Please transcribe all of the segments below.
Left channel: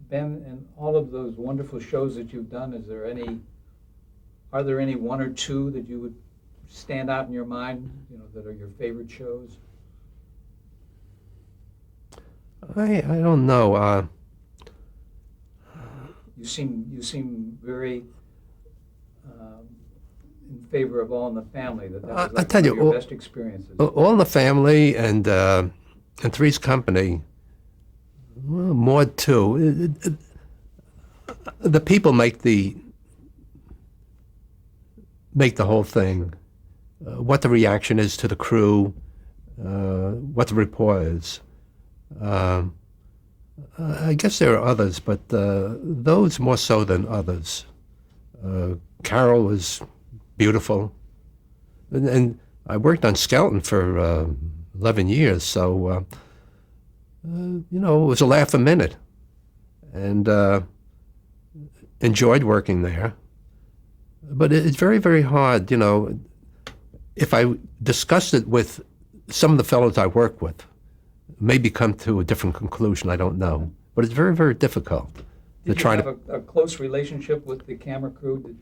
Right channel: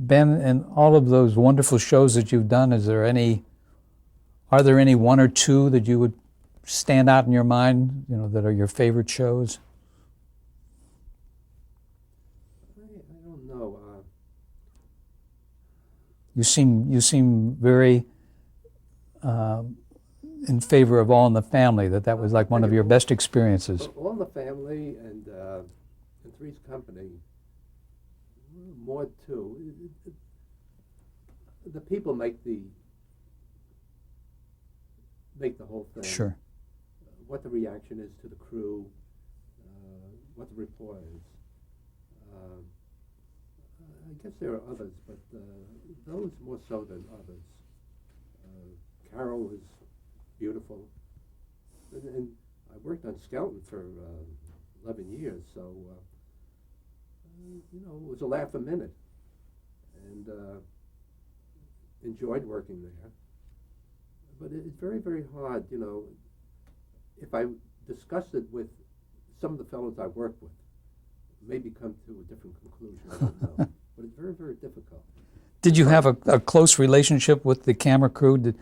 Ben, in all of those wonderful shows that you've done, are there any one or two that you would stand out in your mind, that are your favorite shows? I don't know. You seem very in favor of All in the Family. That was like one of your best experiences. All in the Family and Three's Company. Well, Maude too. The people make the whole thing. Sure. What the reaction is to the crew, what the rapport is. I guess there are others, but those more so than others. Carol was beautiful, and I worked on Skelton for 11 years, so it was a laugh a minute, and enjoyed working there. But it's very, very hard, if I discussed it with some of the fellows I work with, maybe come to a different conclusion, I don't know. But it's very, very difficult. Did you have a close relationship with the camera crew?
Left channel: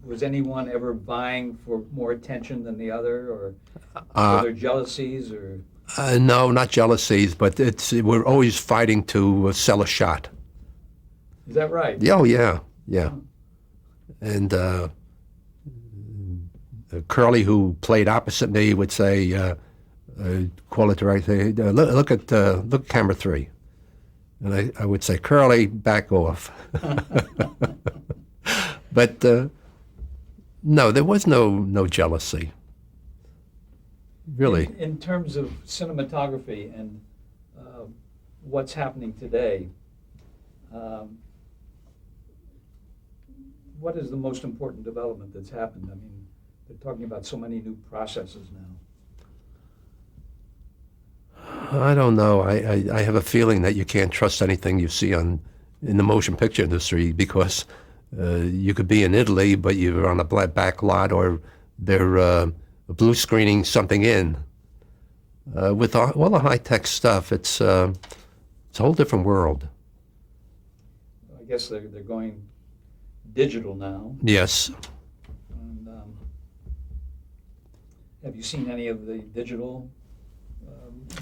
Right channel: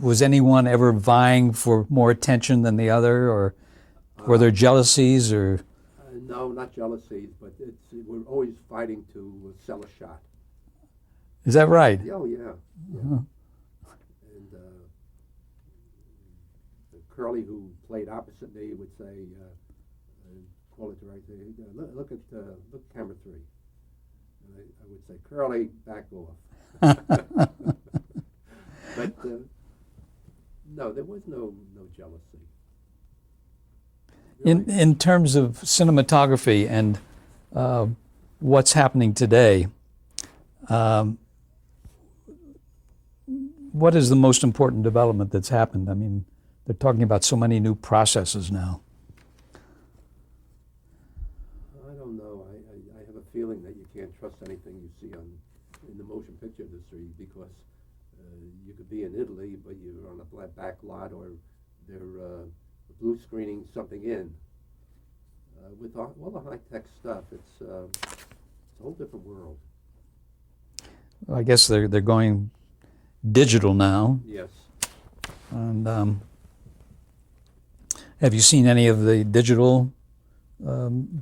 Was anyone ever vying for more attention than the other, or were there jealousies? Or no, not jealousies, but we're always fighting to sell a shot. Is that right? Oh, yeah. Oh. And Curly, who played opposite me, would say, call it directly, look at camera 3. And I would say, Curly, back off. But no, there was no jealousy. Really. In terms of cinematography and what's happening today, what is the most important development that's happened? I mean, they're talking about so many new processes now. I don't know. I have a feeling that you can't trust anything you see in the motion picture industry, because you could be in Italy, but you're on a back lot, or they're blue screening something in. With all the high-tech stuff, it's a whole different world. I guess they're going digital now. Yes. And have you seen any of the digital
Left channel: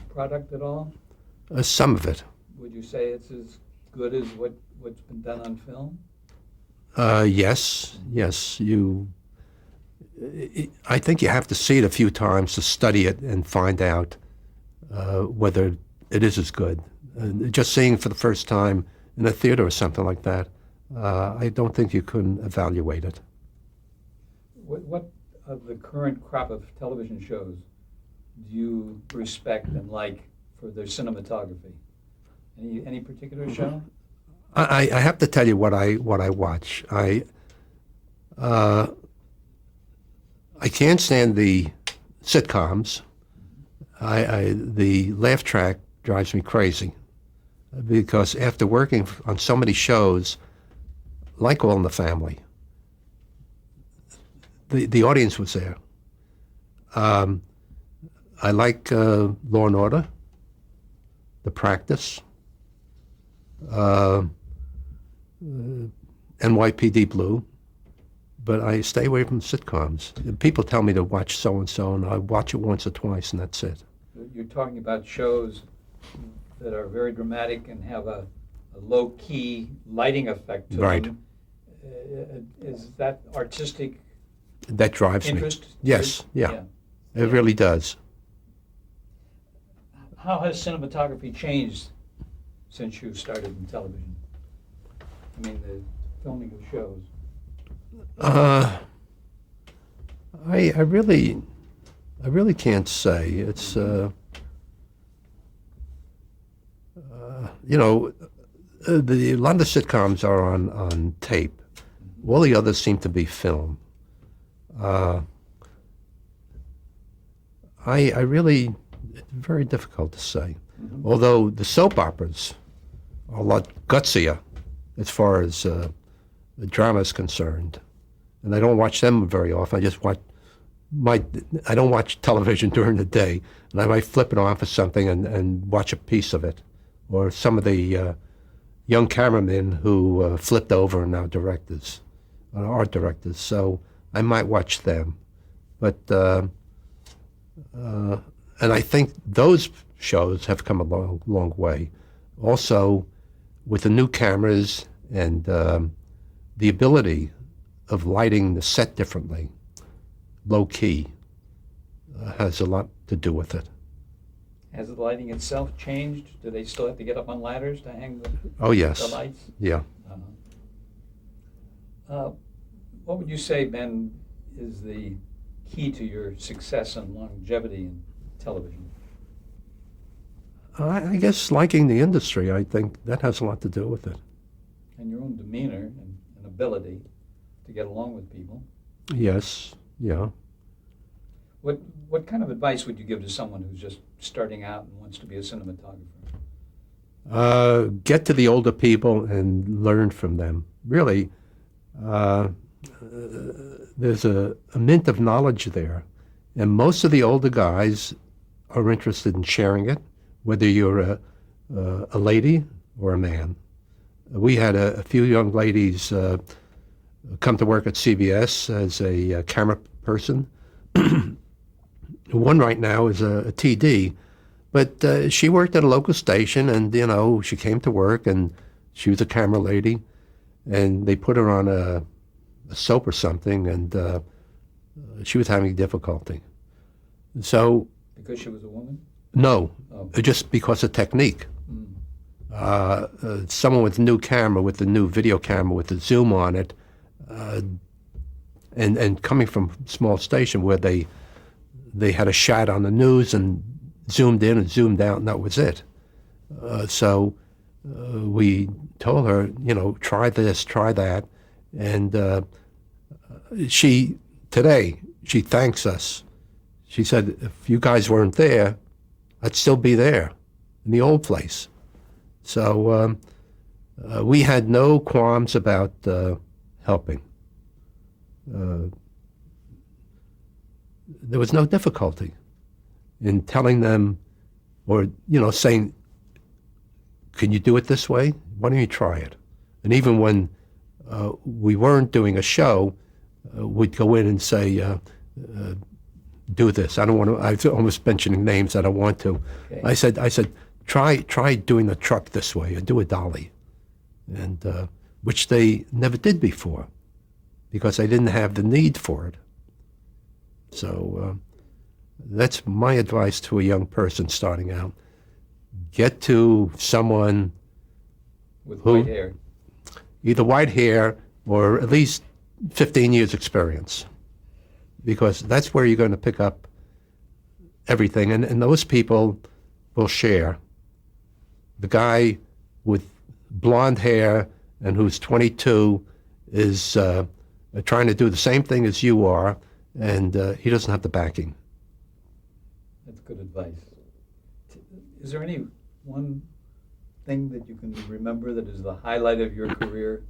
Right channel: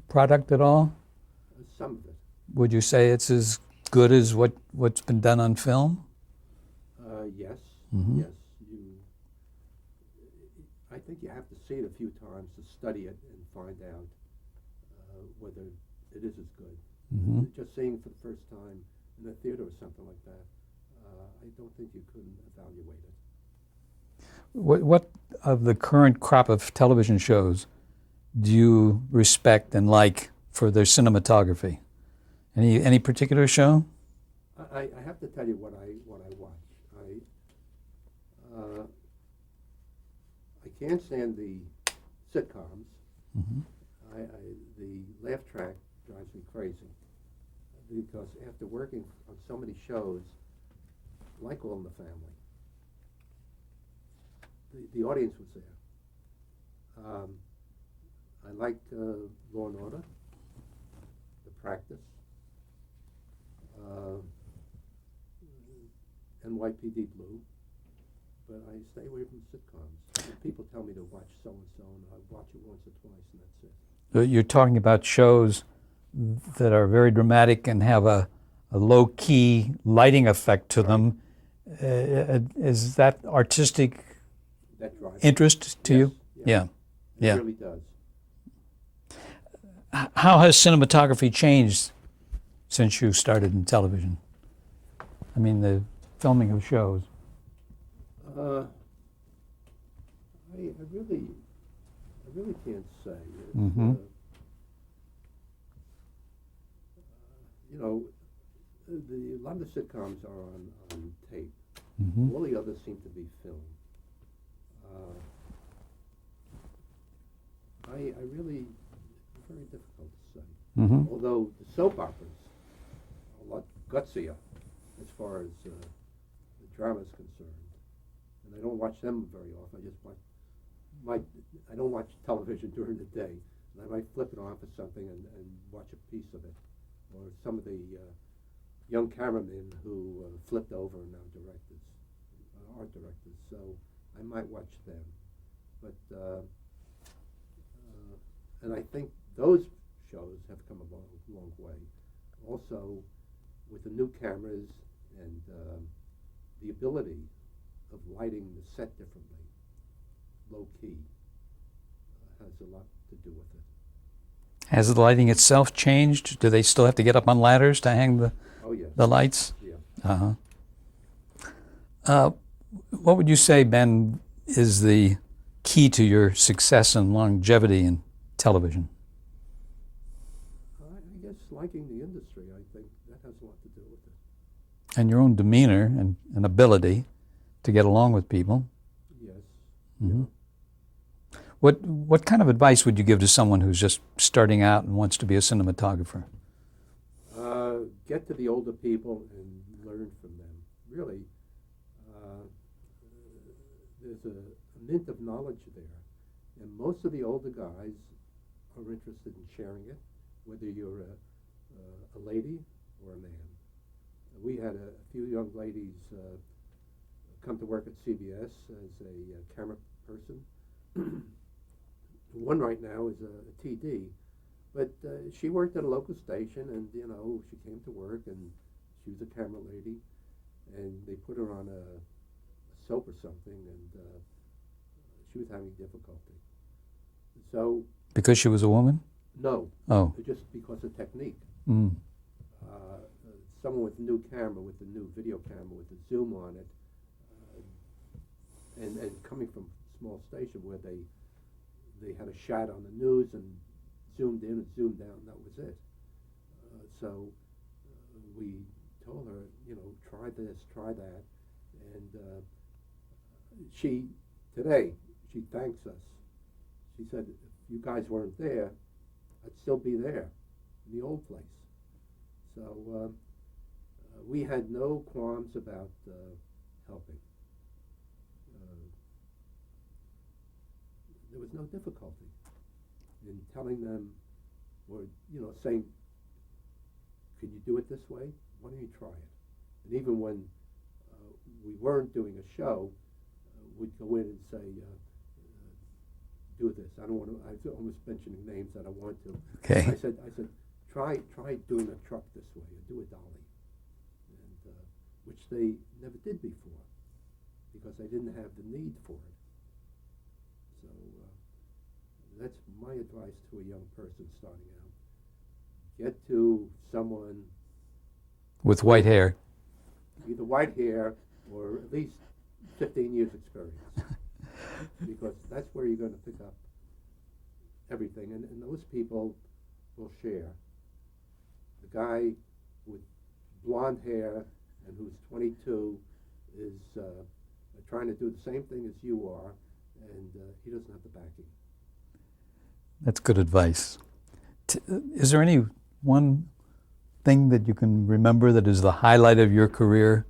product at all? Some of it. Would you say it's as good as what's been done on film? Yes. Mm-hmm. Yes. I think you have to see it a few times to study it and find out whether it is as good. Mm-hmm. Just seeing it for the first time in a theater or something like that, I don't think you can evaluate it. What of the current crop of television shows do you respect and like for their cinematography? Any particular show? I have to tell you what I watch. I can't stand the sitcoms. Mm-hmm. The laugh track drives me crazy, because after working on so many shows, like All in the Family, the audience was there. I like Law and Order, The Practice, NYPD Blue, but I stay away from sitcoms. People tell me to watch so-and-so, and I watch it once or twice, and that's it. You're talking about shows that are very dramatic and have a low-key lighting effect to them. Is that artistic that drives interest me? Yes. Yeah. It really does. How has cinematography changed since you started in television? I mean, the filming of shows. I really can't say. It's mm-hmm. A lot of the sitcoms are on tape. Mm-hmm. All the others seem to be film. I really, it's very difficult to say. Mm-hmm. Although the soap operas are a lot gutsier as far as the drama is concerned. And I don't watch them very often. I don't watch television during the day, and I might flip it on for something and watch a piece of it. Or some of the young cameramen who flipped over and now directors, art directors. So I might watch them. But, and I think those shows have come a long, long way. Also, with the new cameras and the ability of lighting the set differently, low key, has a lot to do with it. Has the lighting itself changed? Do they still have to get up on ladders to hang Oh, yes. the lights? Yeah. What would you say, Ben, is the key to your success and longevity in television? I guess liking the industry, I think that has a lot to do with it. And your own demeanor and ability to get along with people. Yes, yeah. What kind of advice would you give to someone who's just starting out and wants to be a cinematographer? Get to the older people and learn from them. Really, there's a mint of knowledge there. And most of the older guys are interested in sharing it, whether you're a lady or a man. We had a few young ladies come to work at CBS as a camera person. One right now is a TD, but she worked at a local station, and she came to work, and she was a camera lady, and they put her on a soap or something, and she was having difficulty. So Because she was a woman? no, Oh. just because of technique. Someone with a new camera, with the new video camera, with the zoom on it, and coming from a small station where they had a shot on the news and zoomed in and zoomed out, and that was it. So we told her, try this, try that, and she thanks us. She said, if you guys weren't there, I'd still be there in the old place. So we had no qualms about helping. There was no difficulty in telling them or, saying, can you do it this way? Why don't you try it? And even when we weren't doing a show, we'd go in and say, do this. I don't want to, I was almost mentioning names I don't want to. Okay. I said, try doing the truck this way or do a dolly. And which they never did before because they didn't have the need for it. So that's my advice to a young person starting out. Get to someone With white hair. either white hair or at least 15 years experience, because that's where you're going to pick up everything. And those people will share. The guy with blonde hair and who's 22 is trying to do the same thing as you are, and he doesn't have the backing. That's good advice. Is there any one thing that you can remember that is the highlight of your career?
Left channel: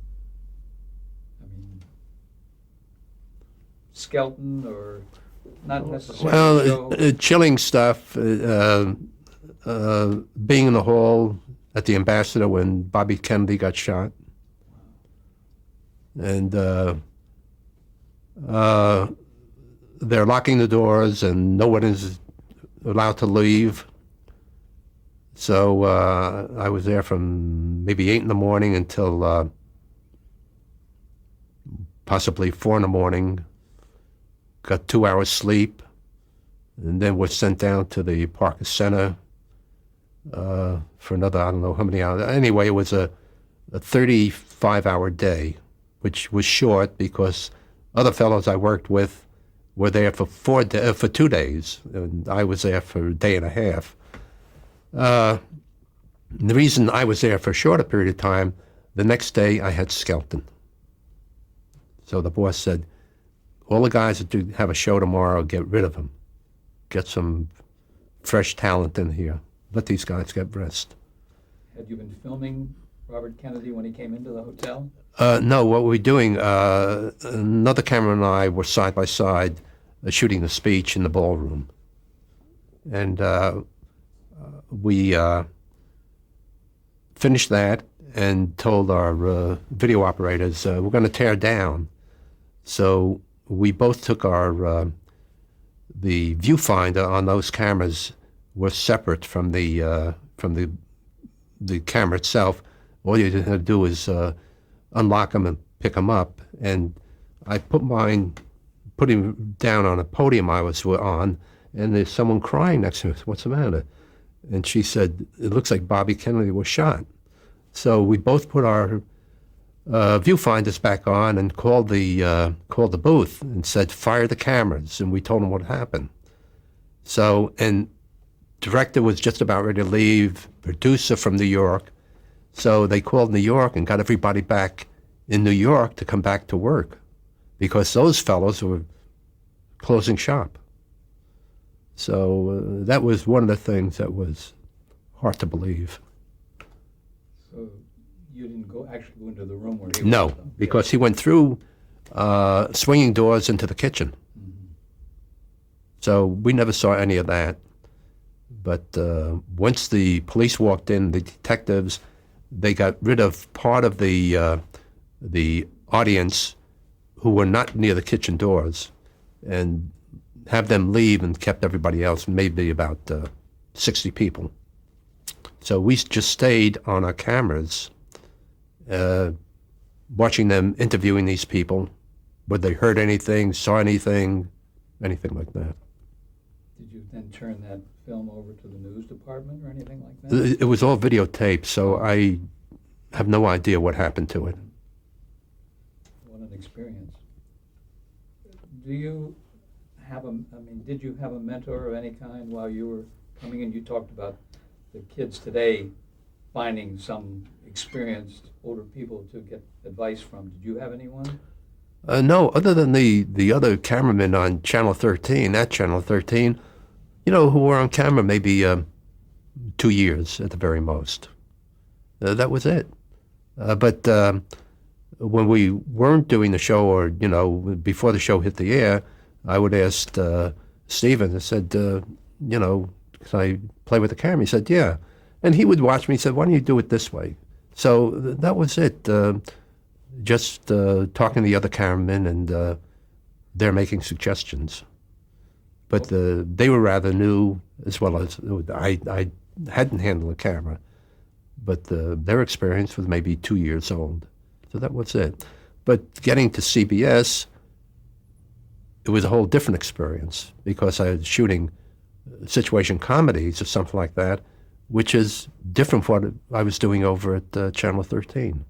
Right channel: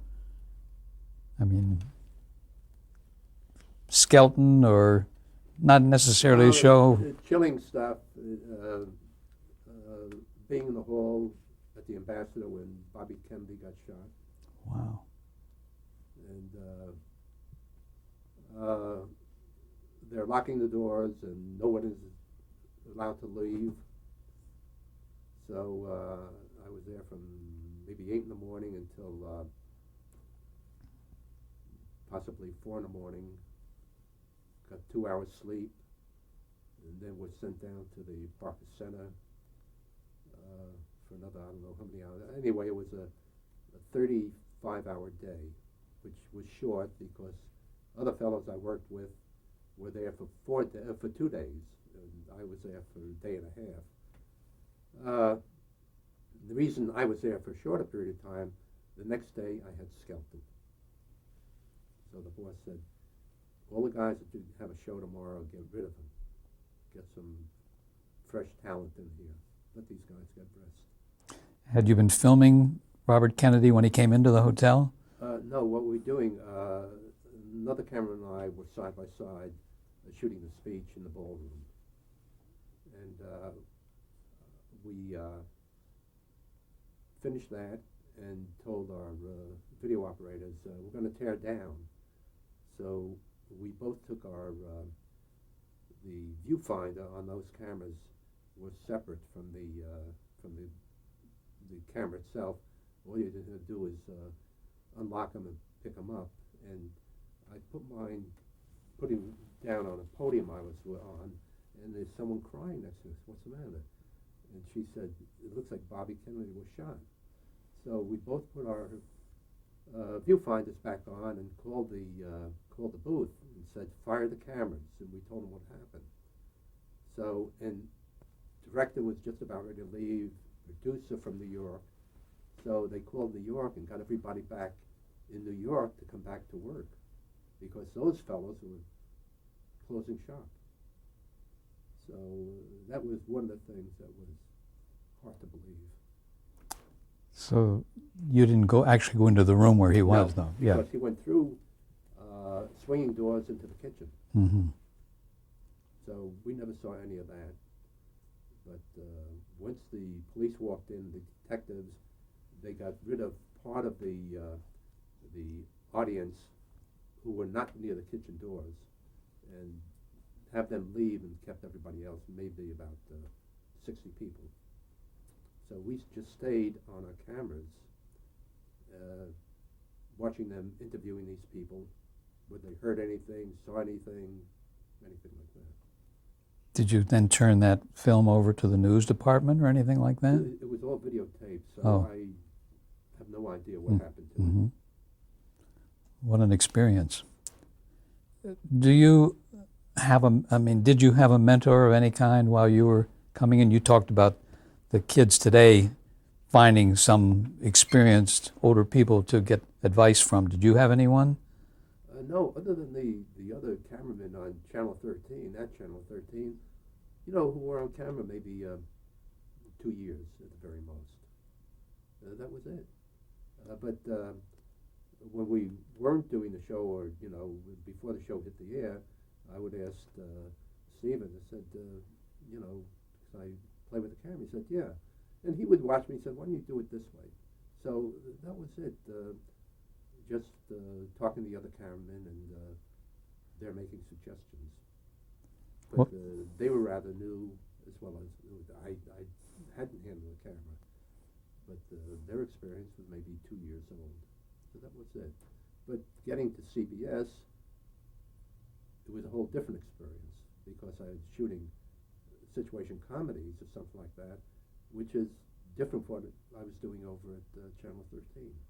I mean, Skelton or not necessarily a show? Chilling stuff, being in the hall at the Ambassador when Bobby Kennedy got shot. Wow. And they're locking the doors and no one is allowed to leave. So I was there from maybe 8 in the morning until possibly 4 in the morning. Got 2 hours sleep, and then was sent down to the Parker Center for another, I don't know how many hours. Anyway, it was a 35-hour day, which was short because other fellows I worked with were there for 2 days, and I was there for a day and a half. The reason I was there for a shorter period of time, the next day I had Skelton. So the boss said, all the guys that do have a show tomorrow, get rid of them. Get some fresh talent in here. Let these guys get rest. Had you been filming Robert Kennedy when he came into the hotel? No, what we're doing, another camera and I were side by side shooting the speech in the ballroom. And we finished that, and told our video operators, we're going to tear down. So we both took our the viewfinder on those cameras was separate from the camera itself. All you had to do is unlock them and pick them up. And I put him down on a podium I was on, and there's someone crying next to me. What's the matter? And she said, it looks like Bobby Kennedy was shot. So we both put our viewfinders back on and called the booth and said, fire the cameras. And we told them what happened. So, and director was just about ready to leave, producer from New York. So they called New York and got everybody back in New York to come back to work because those fellows were closing shop. So that was one of the things that was hard to believe. So you didn't actually go into the room where he was, No, though? because he went through swinging doors into the kitchen. Mm-hmm. So we never saw any of that. But once the police walked in, the detectives, they got rid of part of the audience who were not near the kitchen doors and have them leave and kept everybody else, maybe about 60 people. So we just stayed on our cameras, watching them interviewing these people, whether they heard anything, saw anything like that. Did you then turn that film over to the news department or anything like that? It was all videotaped, so I have no idea what happened to it. What an experience. Do you have did you have a mentor of any kind while you were coming in? You talked about the kids today finding some experienced older people to get advice from. Did you have anyone? No, other than the other cameramen on Channel 13, who were on camera maybe 2 years at the very most. That was it. But when we weren't doing the show or, before the show hit the air, I would ask Stephen, I said, can I play with the camera? He said, yeah. And he would watch me. He said, why don't you do it this way? So that was it. Just talking to the other cameramen, and they're making suggestions. But they were rather new, as well as I hadn't handled a camera. But their experience was maybe 2 years old. So that was it. But getting to CBS, it was a whole different experience because I was shooting situation comedies or something like that, which is different from what I was doing over at Channel 13.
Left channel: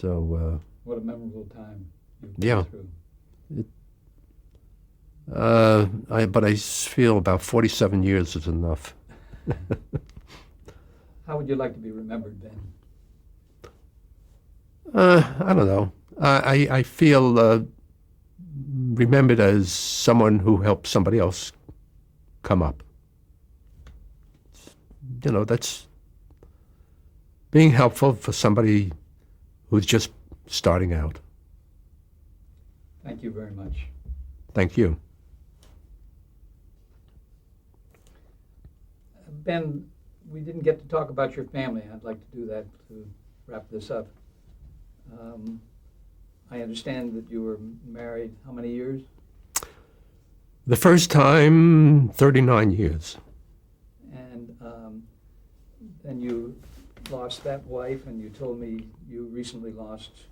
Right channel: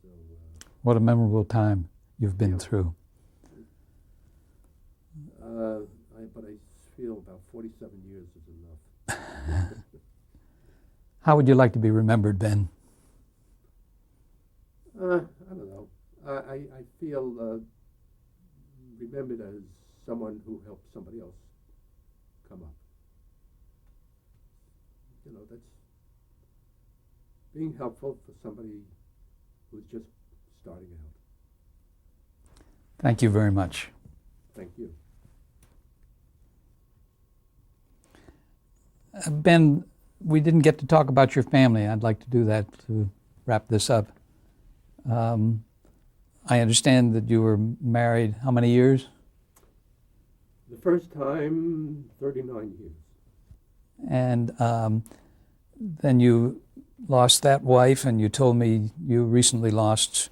So what a memorable time you've been through. But I feel about 47 years is enough. How would you like to be remembered, Ben? I don't know. I feel remembered as someone who helped somebody else come up. That's being helpful for somebody who's just starting out. Thank you very much. Thank you. Ben, we didn't get to talk about your family. I'd like to do that to wrap this up. I understand that you were married how many years? The first time, 39 years. And then you lost that wife, and you told me you recently lost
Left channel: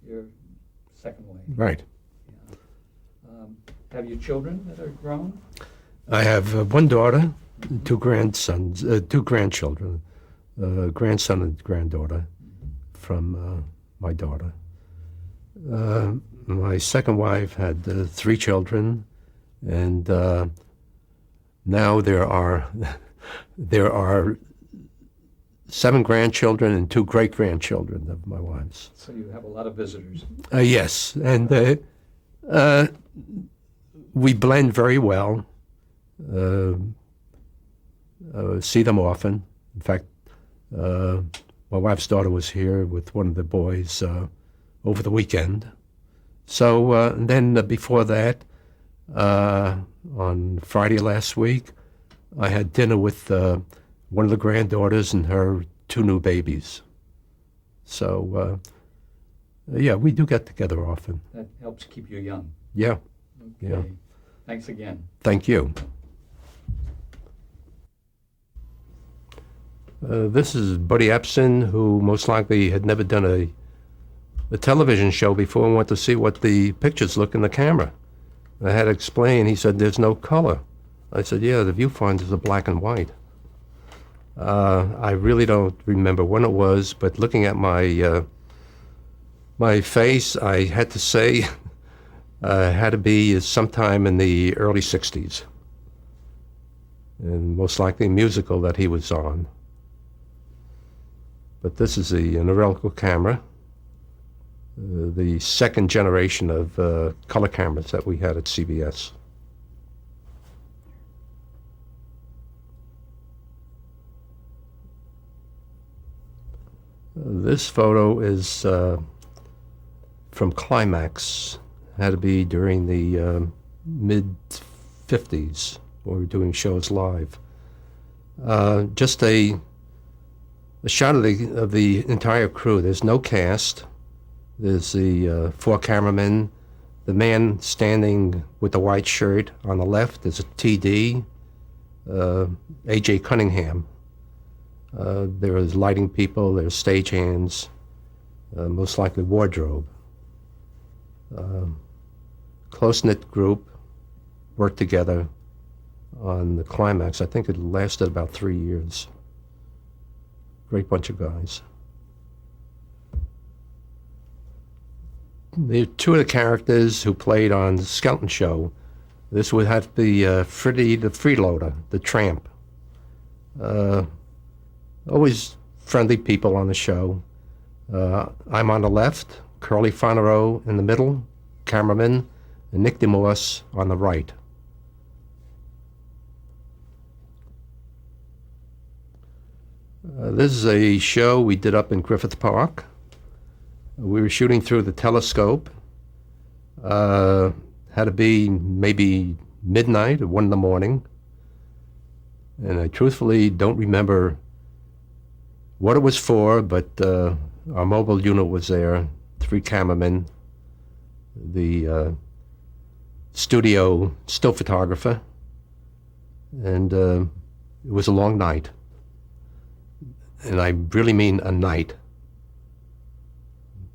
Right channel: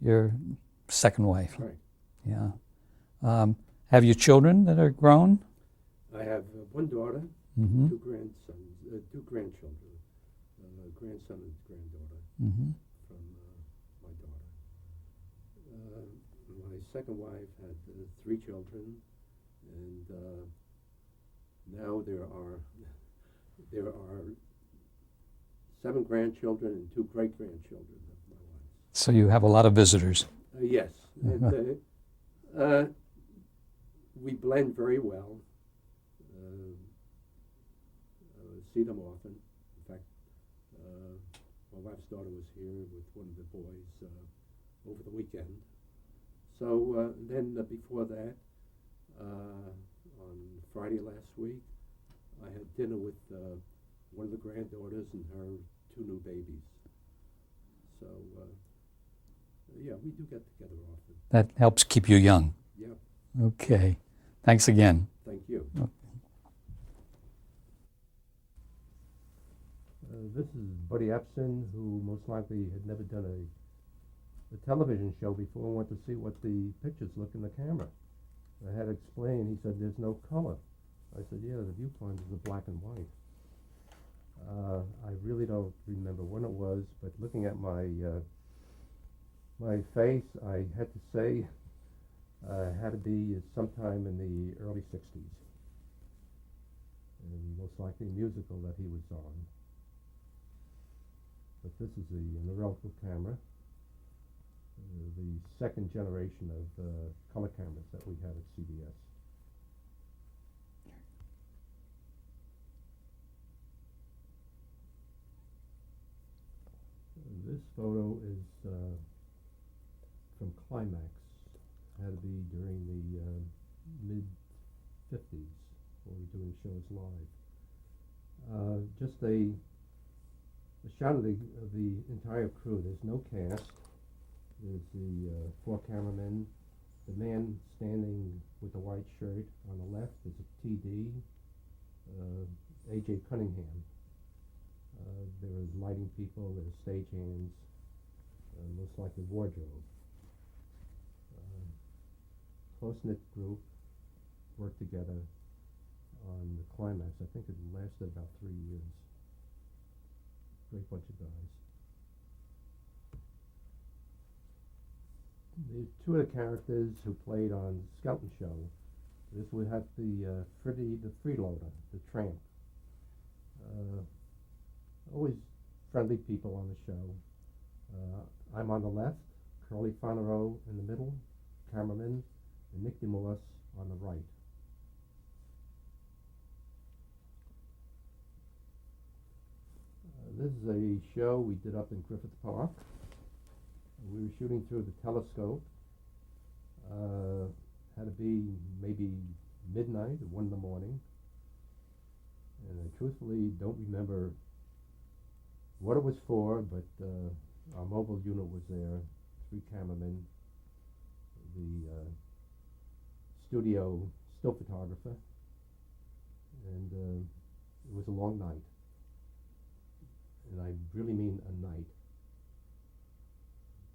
your second wife. Right. Yeah. Have you children that are grown? I have one daughter, two grandsons, two grandchildren, grandson and granddaughter from my daughter. My second wife had 3 children, and now there are 7 grandchildren and 2 great-grandchildren of my wife's. So you have a lot of visitors. Yes, and we blend very well. See them often. In fact, my wife's daughter was here with one of the boys over the weekend. So then before that, on Friday last week, I had dinner with one of the granddaughters and her 2 new babies. So, yeah, we do get together often. That helps keep you young. Yeah, Okay. Thanks again. thank you. This is Buddy Epson, who most likely had never done a television show before and went to see what the pictures look in the camera. I had to explain. He said, "There's no color." I said, "Yeah, the viewfinders are black and white." I really don't remember when it was, but looking at my face, I had to say it had to be sometime in the early 60s, and most likely a musical that he was on. But this is the Norelco camera, the second generation of color cameras that we had at CBS. This photo is from Climax. Had to be during the mid-50s when we were doing shows live. Just a shot of the entire crew. There's no cast. There's the 4 cameramen. The man standing with the white shirt on the left is a TD, A.J. Cunningham. There is lighting people, there's stagehands, most likely wardrobe. Close-knit group worked together on the Climax. I think it lasted about 3 years. Great bunch of guys. The 2 of the characters who played on the Skelton Show, this would have to be Freddie the Freeloader, the tramp. Always friendly people on the show. I'm on the left, Curly Fonero in the middle, cameraman, and Nick DeMorse on the right. This is a show we did up in Griffith Park. We were shooting through the telescope. Had to be maybe midnight or 1 in the morning. And I truthfully don't remember what it was for, but our mobile unit was there, 3 cameramen, the studio still photographer, and it was a long night. And I really mean a night.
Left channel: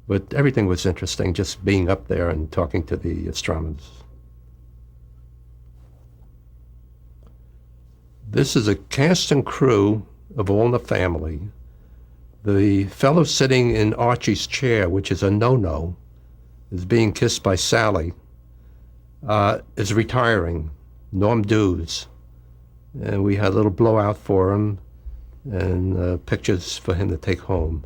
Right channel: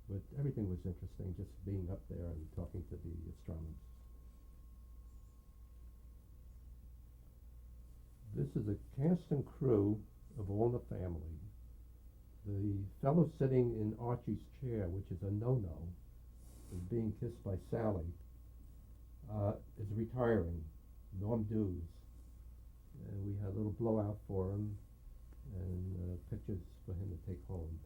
But everything was interesting, just being up there and talking to the astronomers. This is a cast and crew of All in the Family. The fellow sitting in Archie's chair, which is a no-no, is being kissed by Sally, is retiring, Norm Dews. And we had a little blowout for him and pictures for him to take home.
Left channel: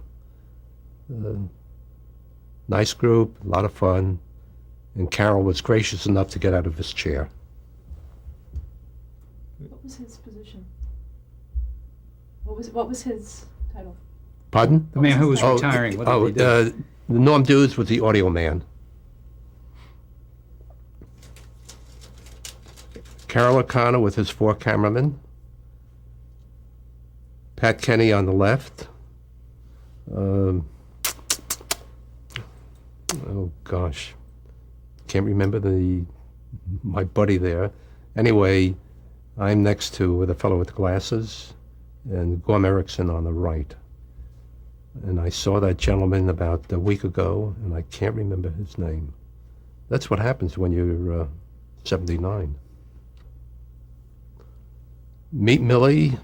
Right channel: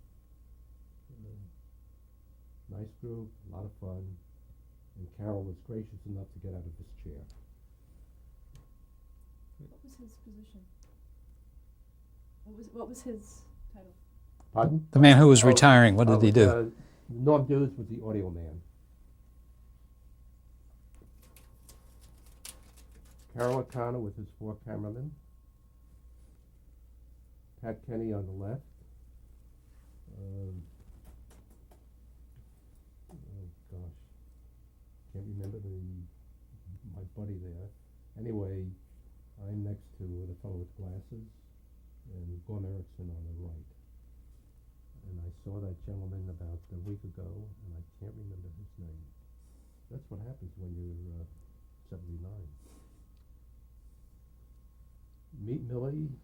Nice group, a lot of fun, and Carol was gracious enough to get out of his chair. What was his position? What was his title? Pardon? The man who was retiring, what did he do? Norm Dews was the audio man. Carol O'Connor with his 4 cameramen. Pat Kenny on the left. Oh gosh, can't remember my buddy there. Anyway, I'm next to the fellow with the glasses, and Gorm Erickson on the right. And I saw that gentleman about a week ago, and I can't remember his name. That's what happens when you're 79. Meet Millie,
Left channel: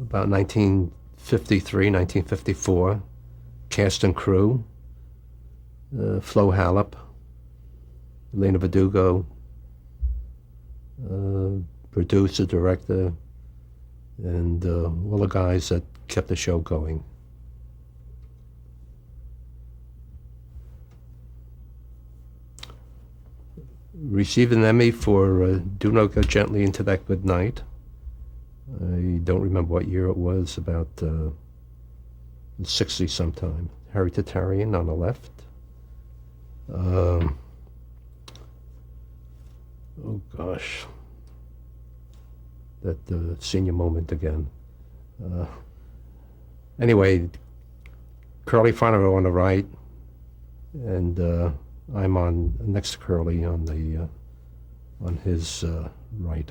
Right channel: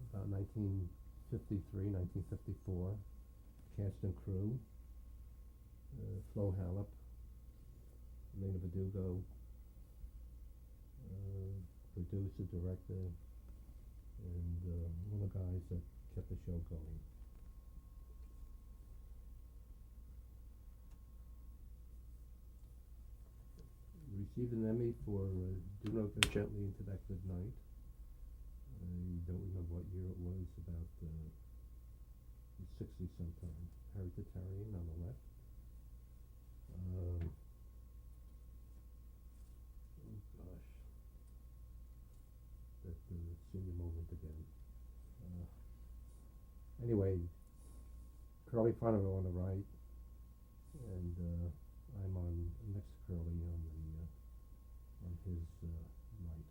about 1953, 1954, cast and crew. Flo Hallop, Elena Verdugo, producer, director, and all the guys that kept the show going. Received an Emmy for Do Not Go Gently Into That Good Night. I don't remember what year it was, about 60 sometime. Harry Tatarian on the left. Oh gosh, that senior moment again. Anyway, Curly Fonifer on the right, and I'm on next to Curly on the on his right.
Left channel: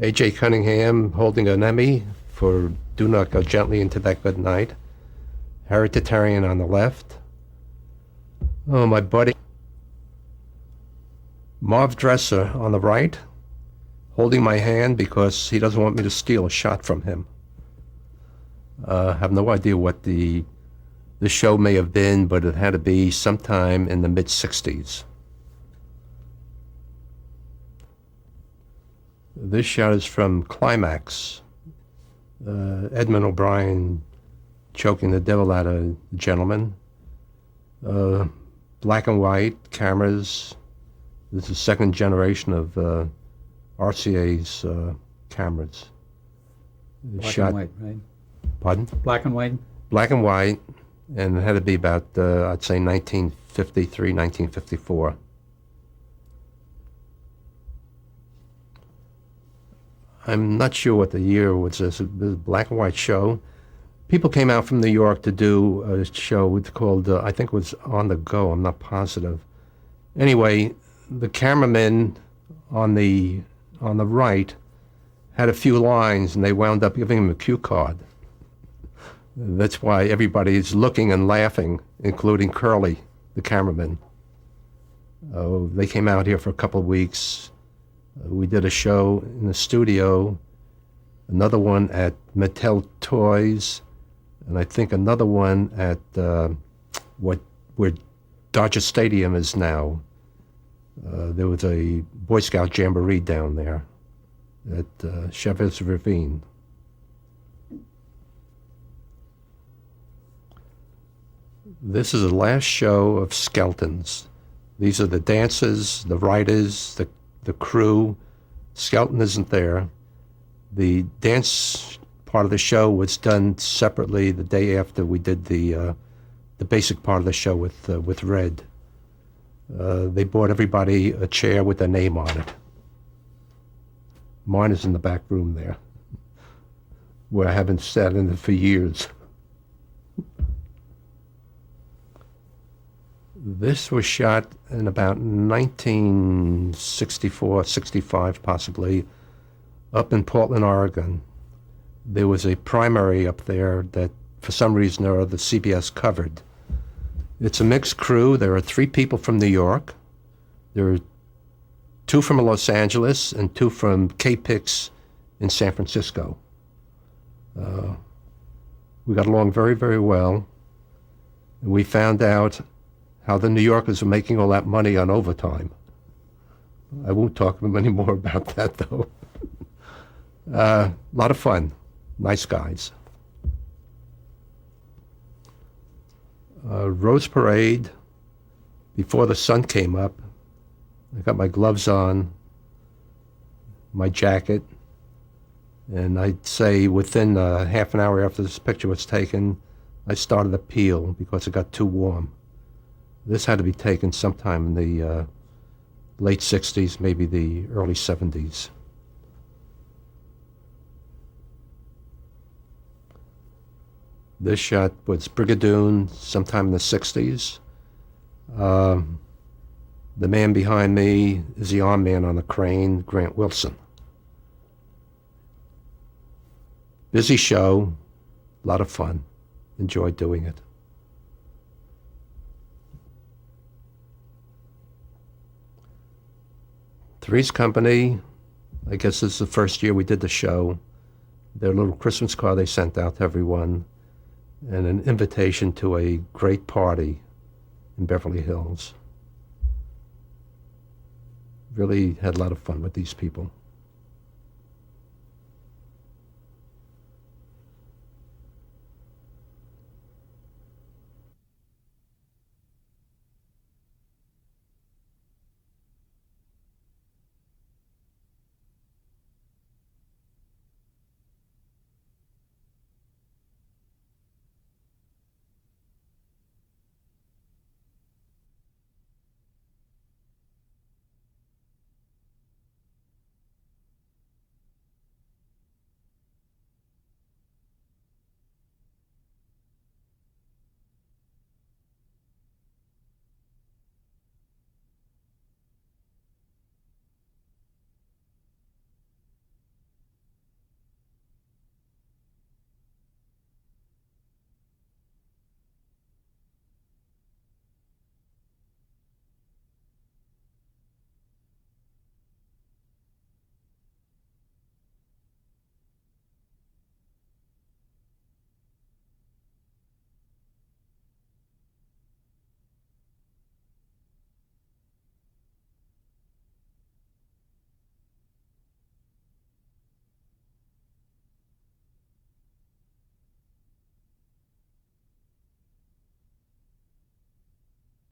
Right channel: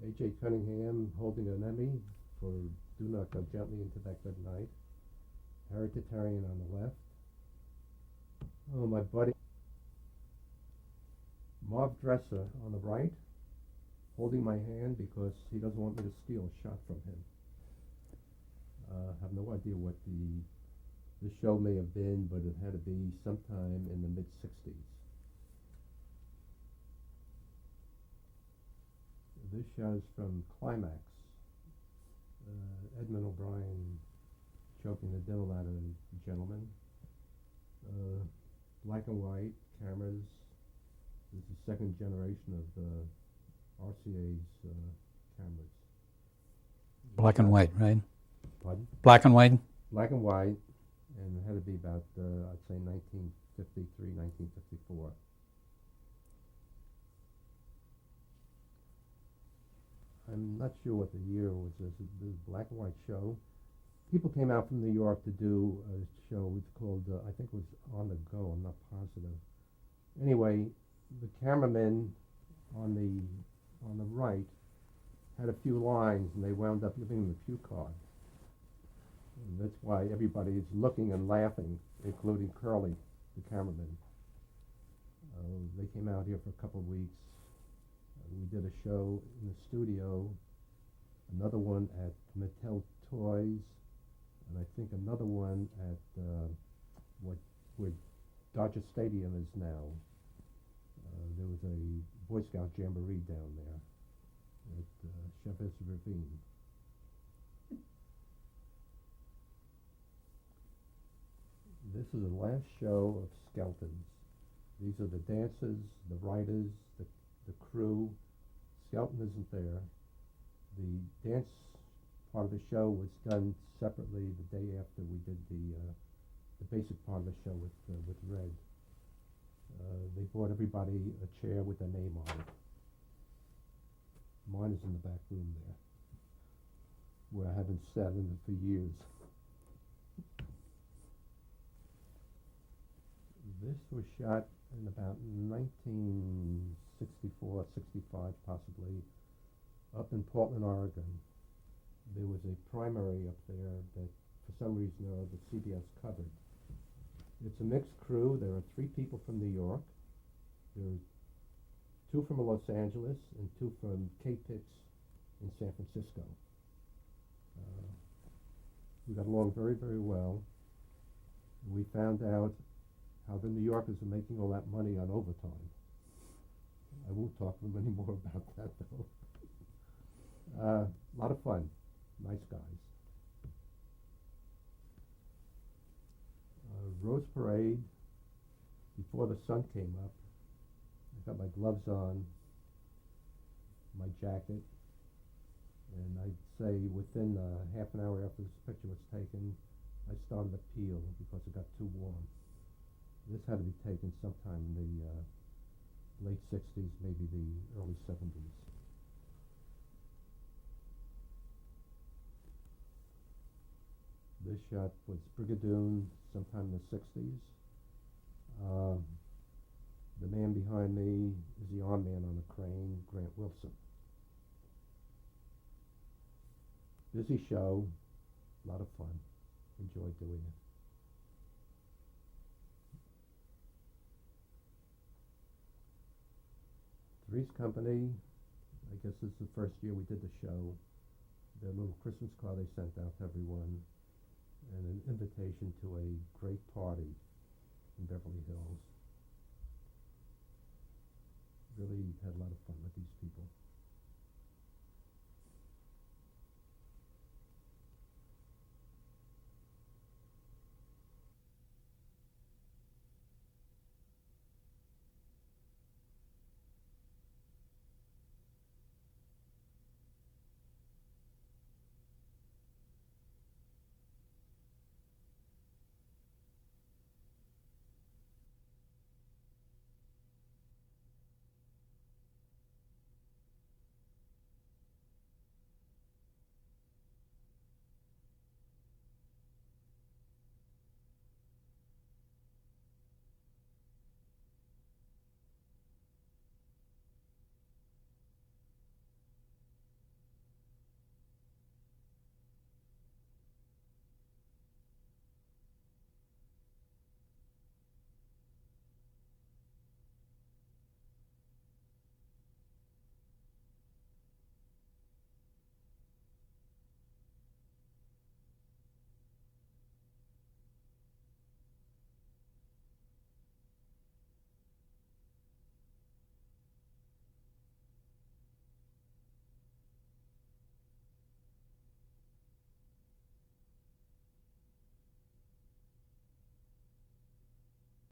A.J. Cunningham holding an Emmy for Do Not Go Gently Into That Good Night. Hereditarian on the left. Oh, my buddy Marv Dresser on the right, holding my hand because he doesn't want me to steal a shot from him. I have no idea what the show may have been, but it had to be sometime in the mid-'60s. This shot is from Climax. Edmund O'Brien choking the devil out of a gentleman. Black and white cameras. This is second generation of RCA's cameras. Black and white, right? Pardon? Black and white? Black and white, and it had to be about, I'd say 1953, 1954. I'm not sure what the year was. This a black and white show. People came out from New York to do a show called, I think it was On the Go, I'm not positive. Anyway, the cameraman on the right had a few lines, and they wound up giving him a cue card. That's why everybody is looking and laughing, including Curly, the cameraman. They came out here for a couple of weeks. We did a show in the studio, another one at Mattel Toys, and I think another one at where Dodger Stadium is now. There was a Boy Scout Jamboree down there at Chavez Ravine. This is the last show of Skeltons. These are the dancers, the writers, the crew. Skelton isn't there. The dance part of the show was done separately the day after we did the basic part of the show with Red. They bought everybody a chair with their name on it. Mine is in the back room there, where I haven't sat in it for years. This was shot in about 1964, 65 possibly, up in Portland, Oregon. There was a primary up there that for some reason or other CBS covered. It's a mixed crew. There are 3 people from New York. There are 2 from Los Angeles and 2 from K-Pix in San Francisco. We got along very, very well. And we found out how the New Yorkers were making all that money on overtime. I won't talk to them anymore about that, though. A lot of fun. Nice guys. Rose Parade, before the sun came up. I got my gloves on, my jacket, and I'd say within half an hour after this picture was taken, I started to peel because it got too warm. This had to be taken sometime in the late 60s, maybe the early 70s. This shot was Brigadoon sometime in the 60s. The man behind me is the arm man on the crane, Grant Wilson. Busy show, a lot of fun. Enjoyed doing it. Three's Company, I guess this is the first year we did the show. Their little Christmas card they sent out to everyone, and an invitation to a great party in Beverly Hills. Really had a lot of fun with these people.